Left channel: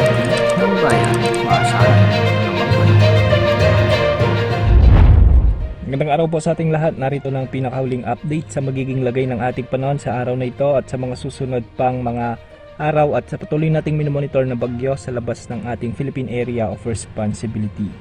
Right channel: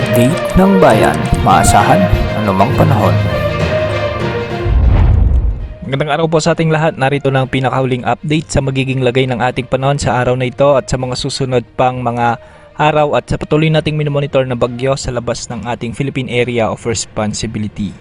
update ng bayan, maasahan anumang panahon. Magandang araw po sa ating lahat. Narito na ang pinakahuling update sa magiging lagay ng ating panahon sa araw na ito at sa mga susunod pang mga araw at sa patuloy nating minomonitor na bagyo sa labas ng ating Philippine Area of Responsibility.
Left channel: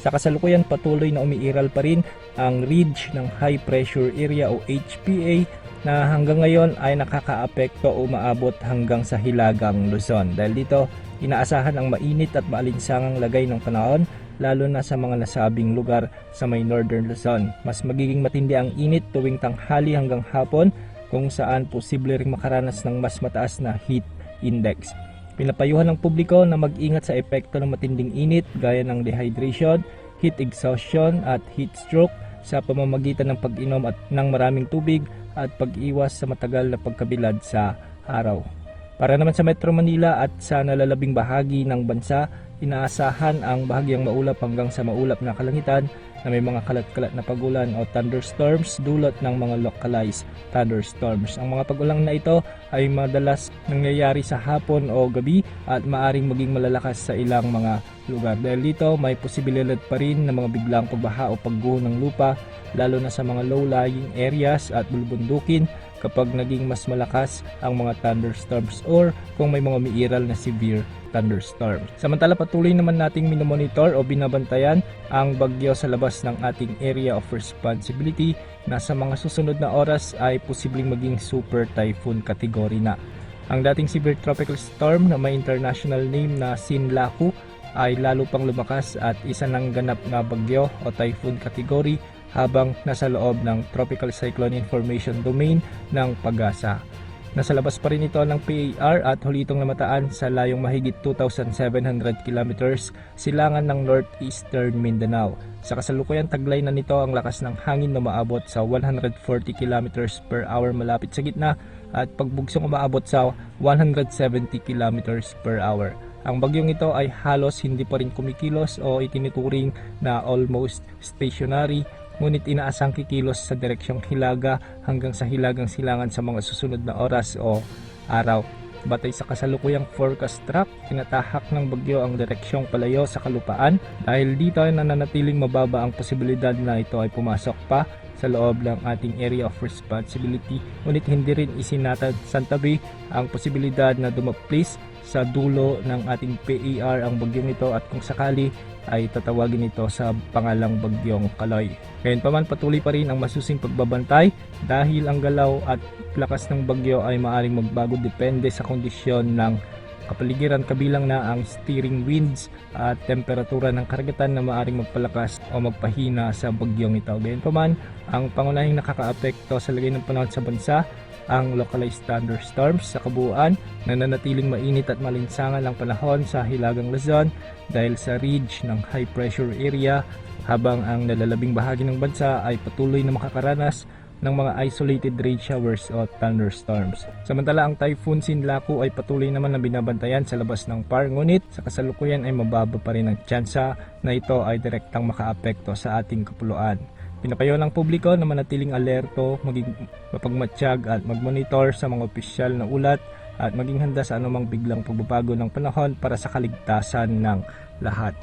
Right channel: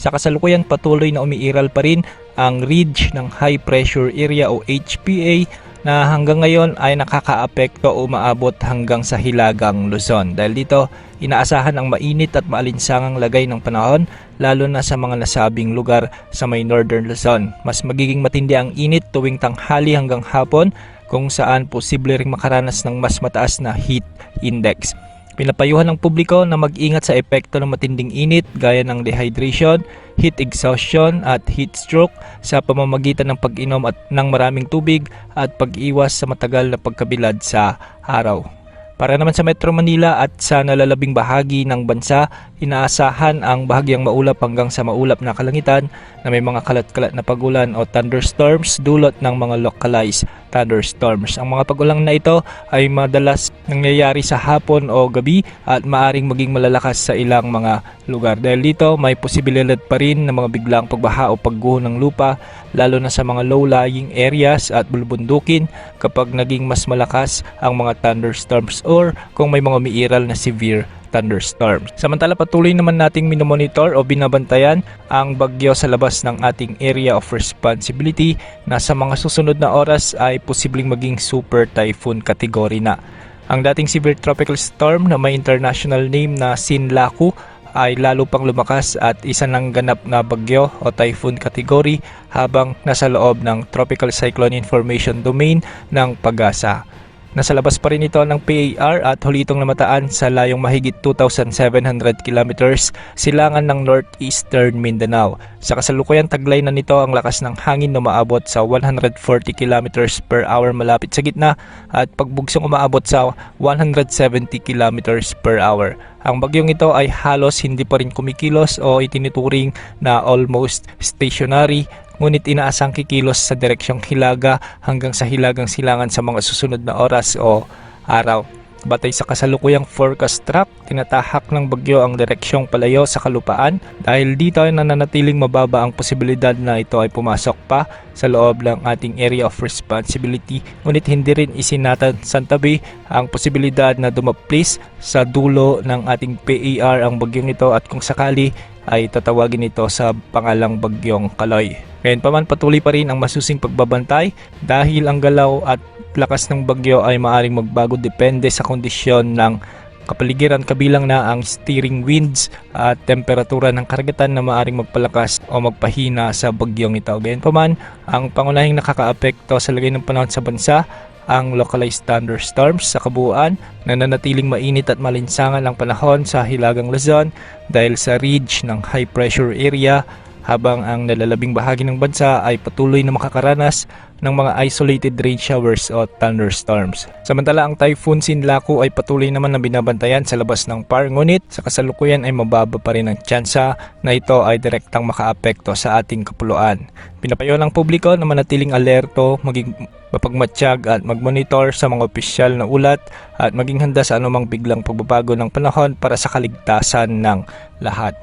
Sa kasalukuyan patuloy na umiiral pa rin ang ridge ng High Pressure Area o HPA na hanggang ngayon ay nakakaapekto o umaabot hanggang sa Hilagang Luzon. Dahil dito, inaasahan ang mainit at maalinsangang lagay ng panahon lalo na sa mga nasabing lugar sa may Northern Luzon. Mas magiging matindi ang init tuwing tanghali hanggang hapon kung saan posible ring makaranas ng mas mataas na heat index. Pinapayuhan ng publiko na mag-ingat sa epekto ng matinding init gaya ng dehydration, heat exhaustion at heat stroke sa pamamagitan ng pag-inom at ng maraming tubig at pag-iwas sa matagal na pagkabilad sa araw. Para naman sa Metro Manila at sa nalalabing bahagi ng bansa, inaasahan ang bahagyang maulap hanggang sa maulap na kalangitan na may mga kalat-kalat na pagulan o thunderstorms dulot ng mga localized thunderstorms. Ang mga pagulan na ito ay madalas nangyayari sa hapon o gabi at maaring maging malalakas sa ilang mga lugar. Dahil dito, may posibilidad pa rin ng mga biglang pagbaha o pagguho ng lupa lalo na sa mga low-lying areas at bulubundukin kapag naging mas malakas ang mga thunderstorms or kung may mga umiiral na severe thunderstorms. Samantala patuloy naman nating minomonitor o binabantayan ang bagyo sa labas ng ating area of responsibility na sa mga susunod na oras ay posibleng maging super typhoon category na. Ang dating severe tropical storm na may international name na Sinlaku ay lalo pang lumakas at isa ng ganap na bagyo o typhoon category habang nasa loob ng Tropical Cyclone Information Domain ng PAGASA. Nasa labas pa rin ito ng PAR at huli itong namataan sa layong mahigit 2,700 kilometers silangan ng northeastern Mindanao. Sa kasalukuyan taglay na nito ang lakas ng hangin na umaabot sa 140 kilometers per hour malapit sa gitna at pagbugsong umaabot sa 170 kilometers per hour. Ang bagyong ito ay halos hindi pa rin kumikilos o itinuturing na almost stationary, ngunit inaasang kikilos sa direksyong hilaga hanggang sa hilagang silangan sa mga susunod na oras o araw. Batay sa kasalukuyang forecast track, tinatahak ng bagyo ang direksyong palayo sa kalupaan dahil dito ay nananatiling mababa ang posibilidad na ito ay pumasok pa sa loob ng ating area of responsibility. Ngunit hindi rin isinatabi ang posibilidad na dumaplis sa dulo ng ating PAR ang bagyong ito at kung sakali ay tatawagin ito sa pangalang bagyong Kaloy. Gayunpaman patuloy pa rin ang masusing pagbabantay dahil ang galaw at lakas ng bagyo ay maaring magbago depende sa kondisyon ng kapaligiran kabilang na ang steering winds at temperatura ng karagatan na maaring magpalakas o magpahina sa bagyong ito. Gayunpaman, ang pangunahing nakakaapekto sa lagay ng panahon sa bansa ang localized thunderstorms sa kabuuan, nananatiling mainit at malinsangan ang panahon sa Hilagang Luzon dahil sa ridge ng high pressure area habang ang nalalabing bahagi ng bansa ay patuloy na makakaranas ng mga isolated rain showers o thunderstorms. Samantala ang Typhoon Sinlaku ay patuloy naman na binabantayan sa labas ng PAR ngunit sa kasalukuyan ay mababa pa rin ang tsansa na ito ay direktang makaapekto sa ating kapuluan. Pinapayo ng publiko na manatiling alerto, maging mapagmatsyag at magmonitor sa mga opisyal na ulat at maging handa sa anumang biglang pagbabago ng panahon para sa kaligtasan ng lahat.